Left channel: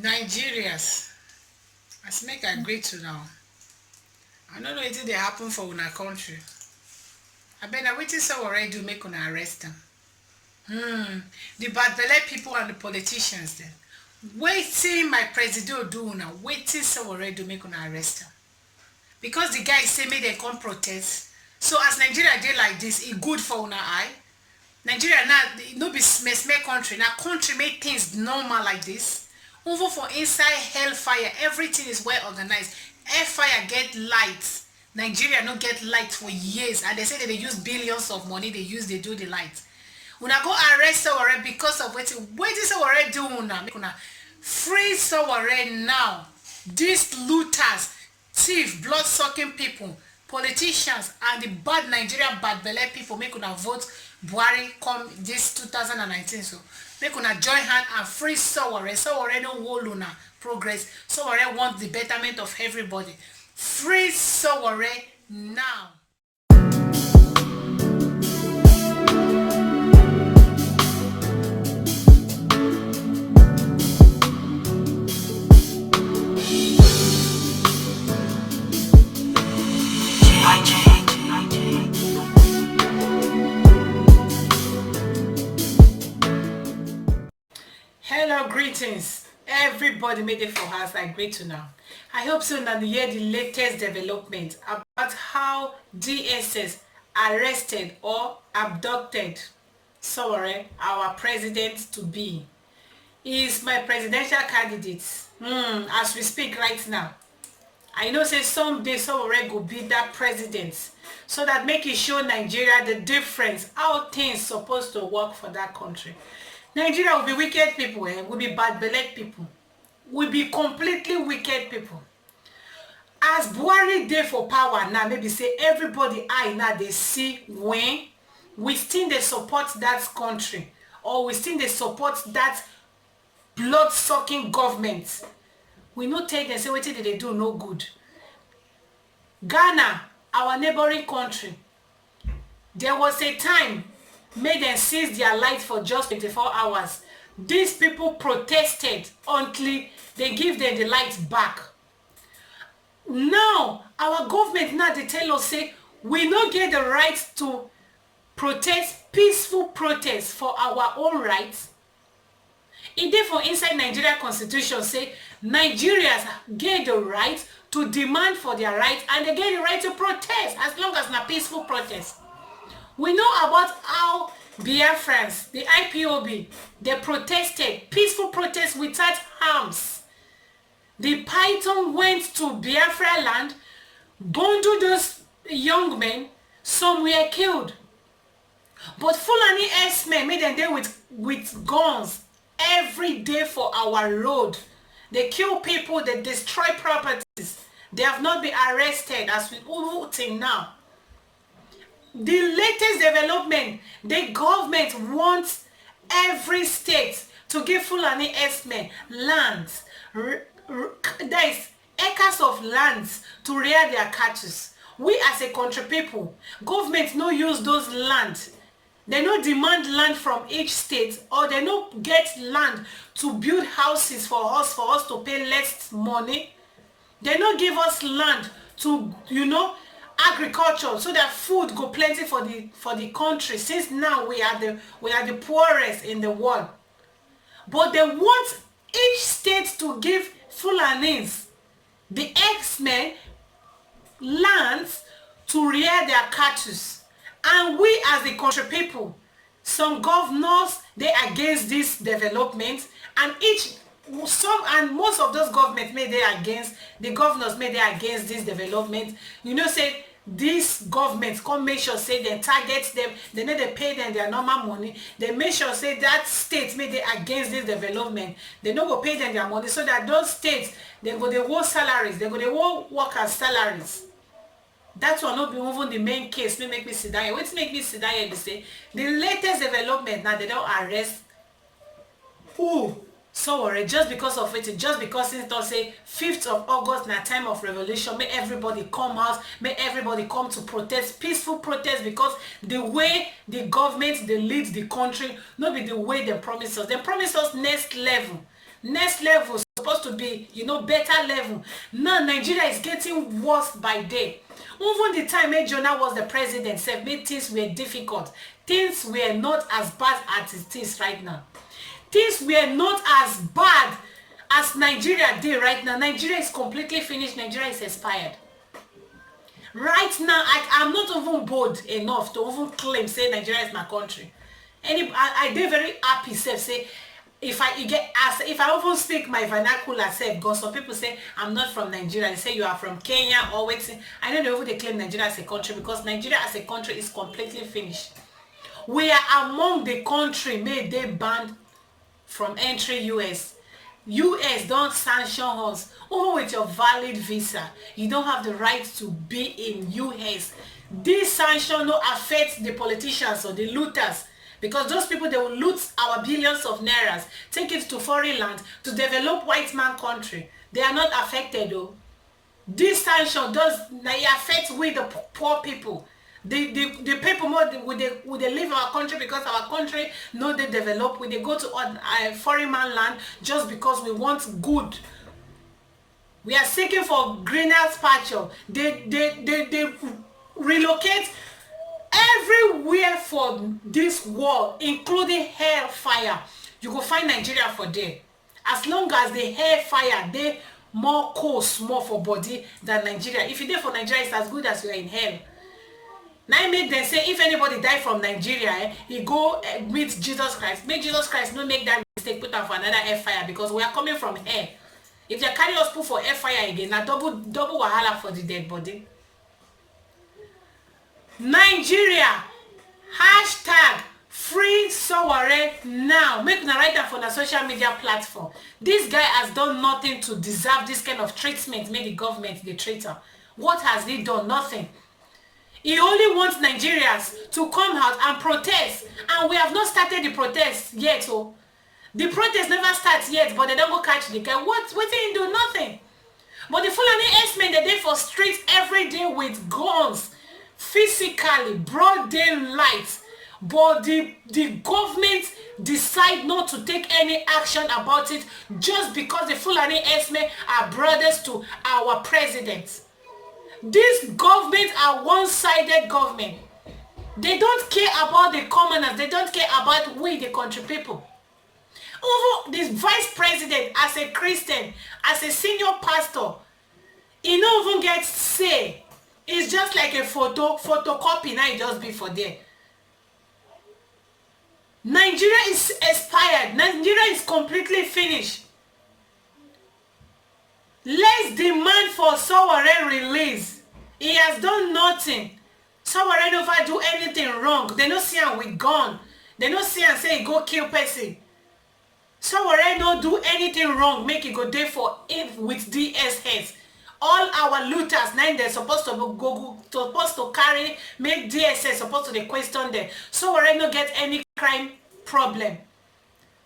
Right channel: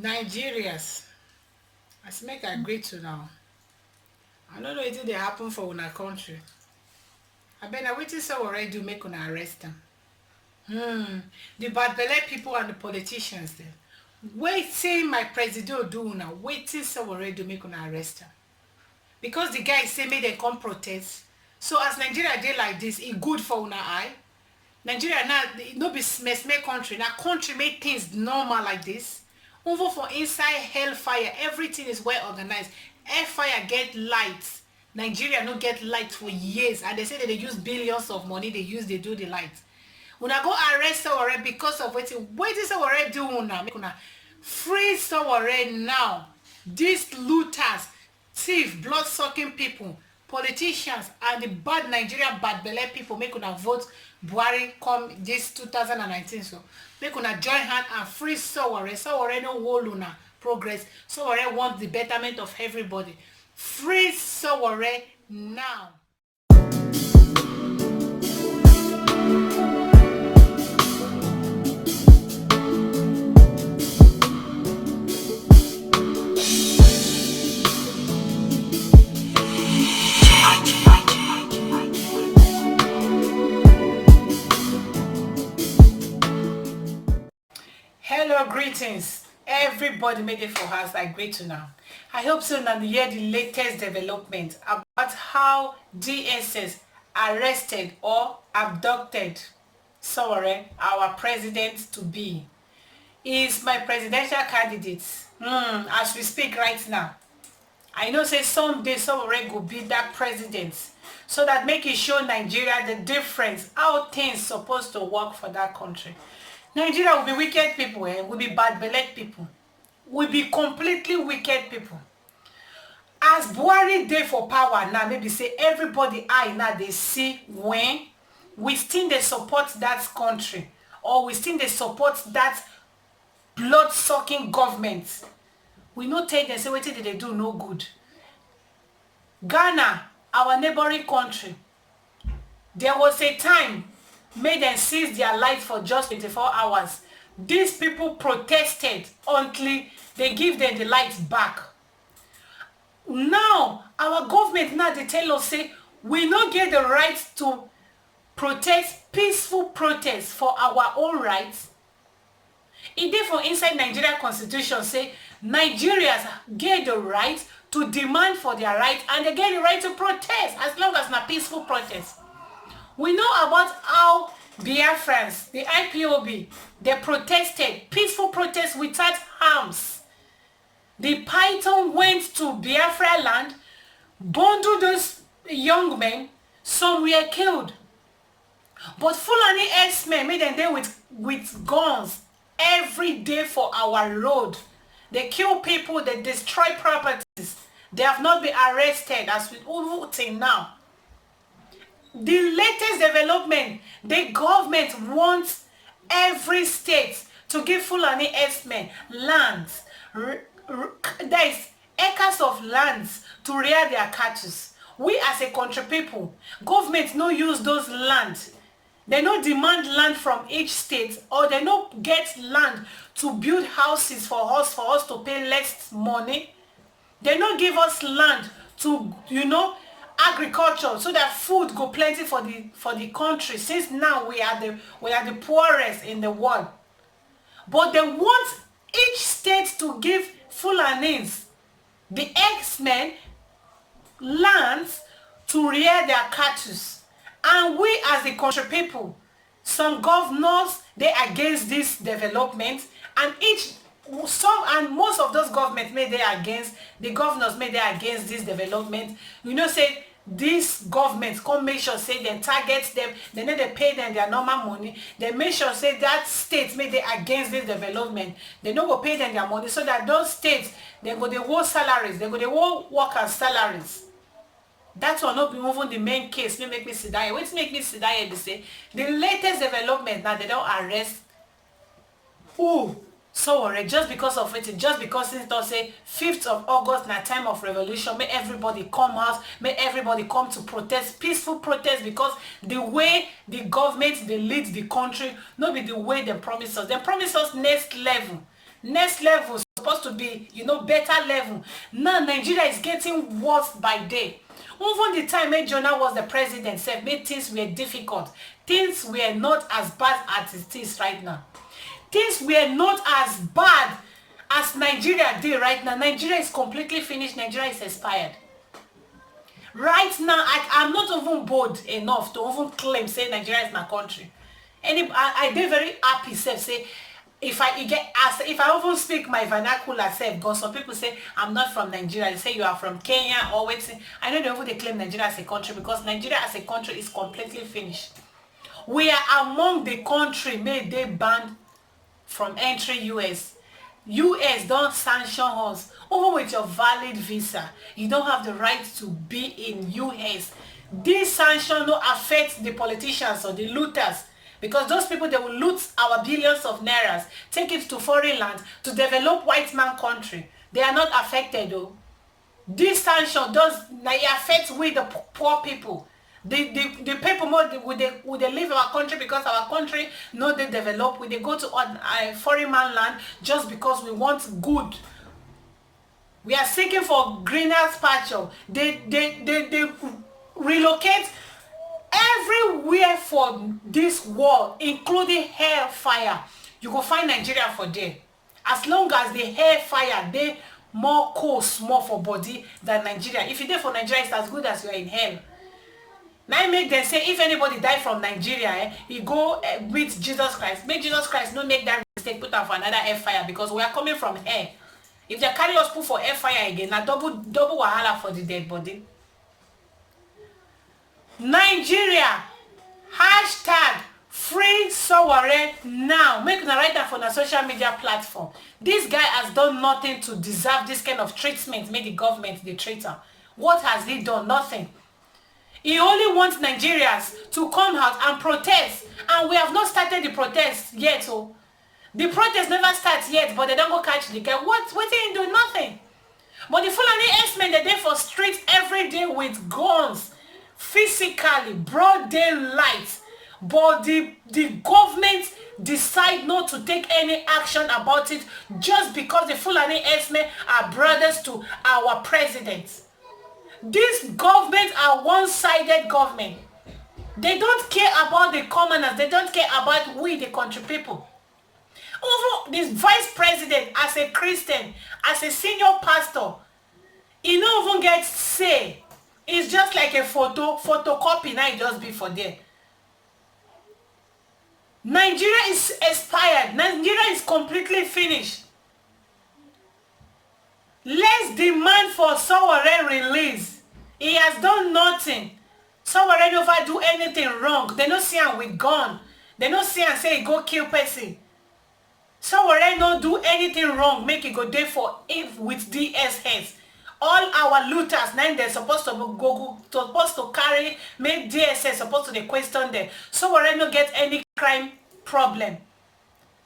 Nigerians, as make I greet to now. I don't know wetin dey happen for una country. Abeg na wetin Sowore do make una arrest am. The bad belle people and the politicians dem. Wetin my president do una, wetin Sowore do make una arrest am. Because the guy say make dem come protest. So as Nigeria dey like this, e good for una eye. Nigeria now no be small country. Na country make things normal like this. Even for inside hellfire, everything is well organized. Hellfire get lights. Nigeria no get light for years, and they say that they use billions of money they use they do the light. Una go arrest Sowore because of wetin Sowore do una. Make una free Sowore now. These looters, thief, blood-sucking people, politicians, and the bad Nigerian bad belle people make una vote Buhari come this 2019. So make una join hand and free Sowore. Sowore no hold una progress. Sowore want the betterment of everybody. Free Sowore now. Hello, greetings. Everybody made it for us. I greet you now. I hope so now you hear the latest development about how DSS arrested or abducted Sowore, our president to be. He is my presidential candidate as we speak right now. I know say someday Sowore go be that president, so that make it show Nigeria the difference, how things supposed to work for that country. Nigeria will be wicked people, will be bad belle people, will be completely wicked people. As Buhari dey for power now, maybe say everybody eye now they see when we still dey support that country, or we still dey support that blood-sucking government. We no tell them say wetin they do no good. Ghana, our neighboring country, there was a time made them seize their light for just 24 hours. These people protested until they give them the light back. Now our government now they tell us say we no get the right to protest, peaceful protest for our own rights. E dey for inside Nigeria constitution say Nigerians get the right to demand for their rights, and they get the right to protest as long as na peaceful protest. We know about how Biafrans, the IPOB, they protested, peaceful protest without arms. The Python went to Biafra land, bundled those young men, some were killed. But Fulani S-men made them there with guns every day for our road. They kill people, they destroy properties. They have not been arrested as we till now. The latest development, the government wants every state to give Fulani S-men lands, there is acres of lands to rear their cattle. We as a country people, government no use those lands. They no demand land from each state, or they no get land to build houses for us to pay less money. They no give us land to, agriculture, so that food go plenty for the country, since now we are the poorest in the world. But they want each state to give Fulanis, the X-Men, lands to rear their cattle. And we as the country people, some governors, they against this development, and most of those governments may they against, the governors may they against this development. Say this government come make sure say they target them, they need to pay them their normal money. They make sure say that states may they against this development, they no go pay them their money, so that those states they go they war salaries, they go they war workers salaries. That will not be even the main case. Make me sit down here. What make me sit down here? They say the latest development now, they don't arrest Sowore just because of it, just because it does say 5th of August na time of revolution. May everybody come out, may everybody come to protest, peaceful protest, because the way the government they lead the country, not be the way they promise us. They promise us next level. Next level supposed to be, better level. Now Nigeria is getting worse by day. Even the time when Jonah was the president said made things were difficult. Things were not as bad as it is right now. Things were not as bad as Nigeria did right now. Nigeria is completely finished. Nigeria is expired. Right now, I'm not even bold enough to even claim say Nigeria is my country. I did very happy say if I even speak my vernacular self, because some people say I'm not from Nigeria. They say you are from Kenya or waiting. I don't know if they claim Nigeria as a country, because Nigeria as a country is completely finished. We are among the country made they banned from entry US. US don't sanction us. Even with your valid visa, you don't have the right to be in US. This sanction no affect the politicians or the looters, because those people, they will loot our billions of nairas, take it to foreign land to develop white man country. They are not affected though. This sanction does affect we the poor people. The people more would they leave our country, because our country no they develop. Would they go to foreign man land just because we want good? We are seeking for greener pasture. They relocate everywhere for this world, including hellfire. You go find Nigeria for there. As long as the hellfire, they more cost more for body than Nigeria. If you there for Nigeria, it's as good as you are in hell. Now I make them say if anybody die from Nigeria, he go meet Jesus Christ. Make Jesus Christ no make that mistake, put am for another hellfire, because we are coming from hell. If they carry us put for fire again, na double wahala for the dead body. Nigeria hashtag free Sowore now. Make una write that for the social media platform. This guy has done nothing to deserve this kind of treatment. Made the government the traitor. What has he done? Nothing. He only wants Nigerians to come out and protest, and we have not started the protest yet. Oh. The protest never starts yet, but they don't go catch the guy. What did he do? Nothing. But the Fulani S-men, they're there for streets every day with guns, physically, broad daylight. But the government decide not to take any action about it, just because the Fulani S-men are brothers to our president. This government are one-sided government. They don't care about the commoners. They don't care about we, the country people. Over this vice president, as a Christian, as a senior pastor, he don't even get say. It's just like a photocopy. Now it just be for there. Nigeria is expired. Nigeria is completely finished. Let's demand for Sowore release. He has done nothing. Sowore never do anything wrong. They don't see him with gun. They don't see him say go kill person. Sowore no do anything wrong. Make it go there for it with DSS. All our looters now they're supposed to carry, make DSS supposed to question them. Sowore no get any crime problem.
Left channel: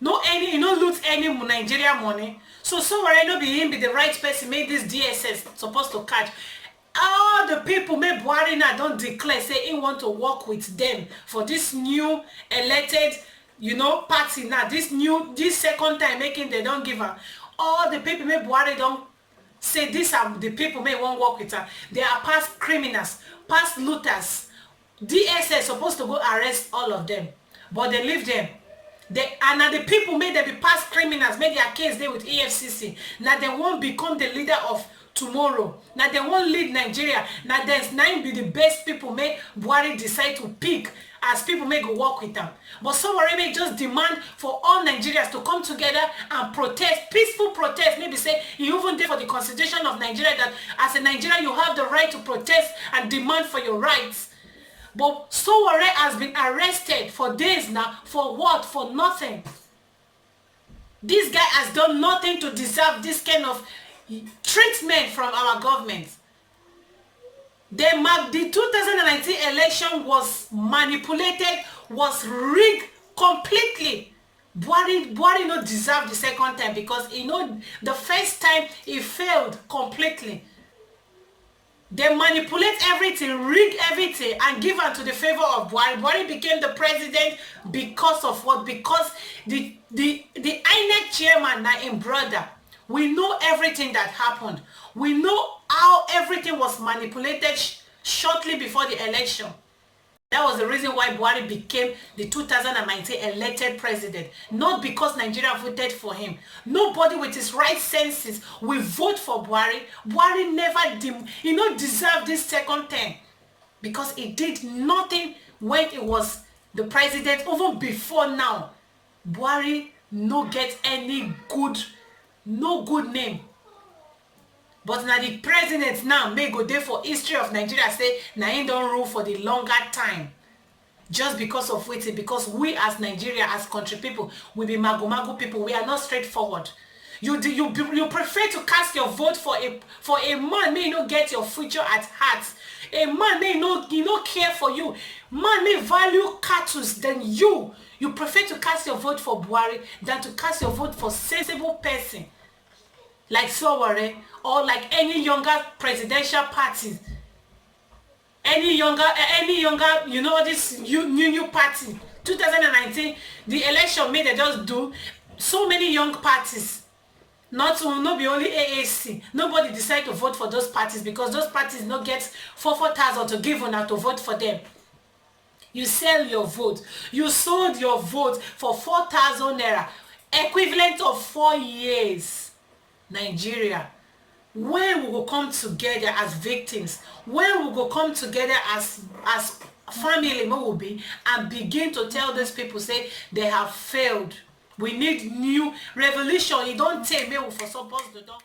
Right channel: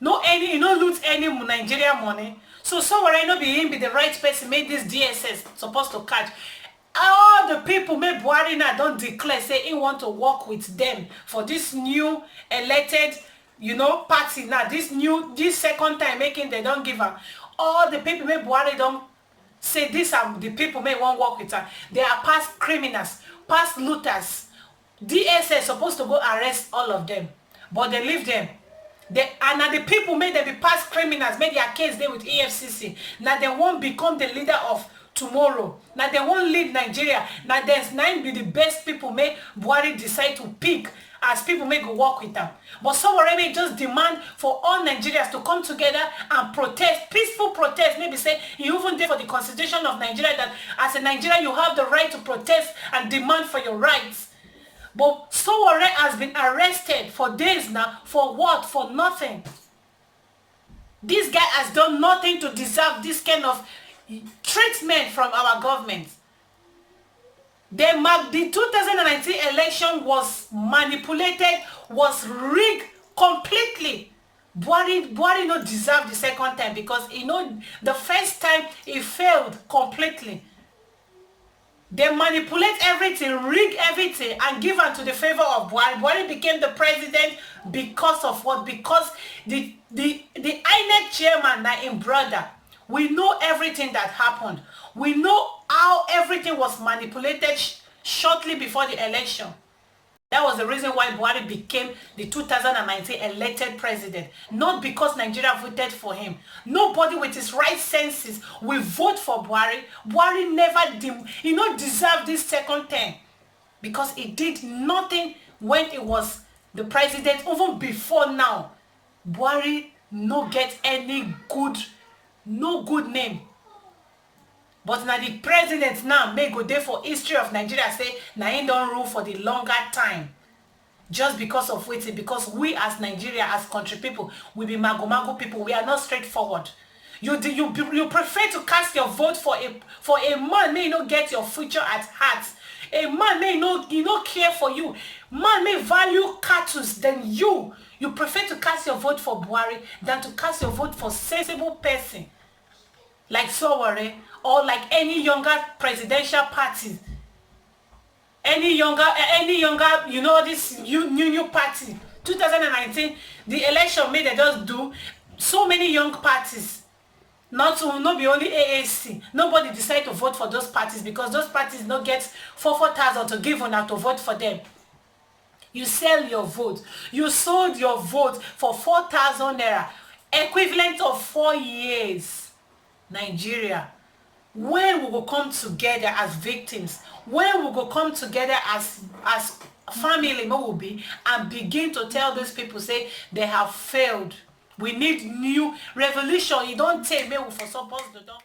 No loot any Nigeria money. So Sowore no be him be the right person, make this DSS supposed to catch. All the people make Buhari now don't declare say he want to work with them for this new elected party now. This second time making they don't give her. All the people make Buhari don't say these are the people may want work with her. They are past criminals, past looters. DSS supposed to go arrest all of them, but they leave them. Now the people may they be past criminals, make their case there with EFCC. Now they won't become the leader of tomorrow. Now they won't lead Nigeria. Now there's 9 be the best people may Buhari decide to pick as people may go work with them. But Sowore may just demand for all Nigerians to come together and protest, peaceful protest. Maybe say you even there for the constitution of Nigeria, that as a Nigerian you have the right to protest and demand for your rights. But Sowore has been arrested for days now. For what? For nothing. This guy has done nothing to deserve this kind of treatment from our government. The 2019 election was manipulated, was rigged completely. Buhari not deserve the second time, because the first time he failed completely. They manipulate everything, rig everything, and give am to the favor of Buhari. Buhari became the president because of what? Because the INEC chairman, na him brother. We know everything that happened. We know how everything was manipulated shortly before the election. That was the reason why Buhari became the 2019 elected president. Not because Nigeria voted for him. Nobody with his right senses will vote for Buhari. Buhari never deserved this second term. Because he did nothing when he was the president. Even before now, Buhari no get any good, no good name. But now the president now may go there for history of Nigeria say na him don rule for the longer time. Just because of wetin? Because we as Nigeria, as country people, we be mago people. We are not straightforward. You prefer to cast your vote for a man may not get your future at heart. A man may not care for you. Man may value cattle than you. You prefer to cast your vote for Buhari than to cast your vote for sensible person like Sowore or like any younger presidential parties. Any younger, this new party. 2019, the election made they just do so many young parties. Not be only AAC. Nobody decide to vote for those parties because those parties not get 4,000 to give on to vote for them. You sell your vote. You sold your vote for 4,000 naira, equivalent of 4 years. Nigeria, when we will come together as victims, when we will come together as family, will be, and begin to tell these people say they have failed. We need new revolution. You don't take me for suppose they don't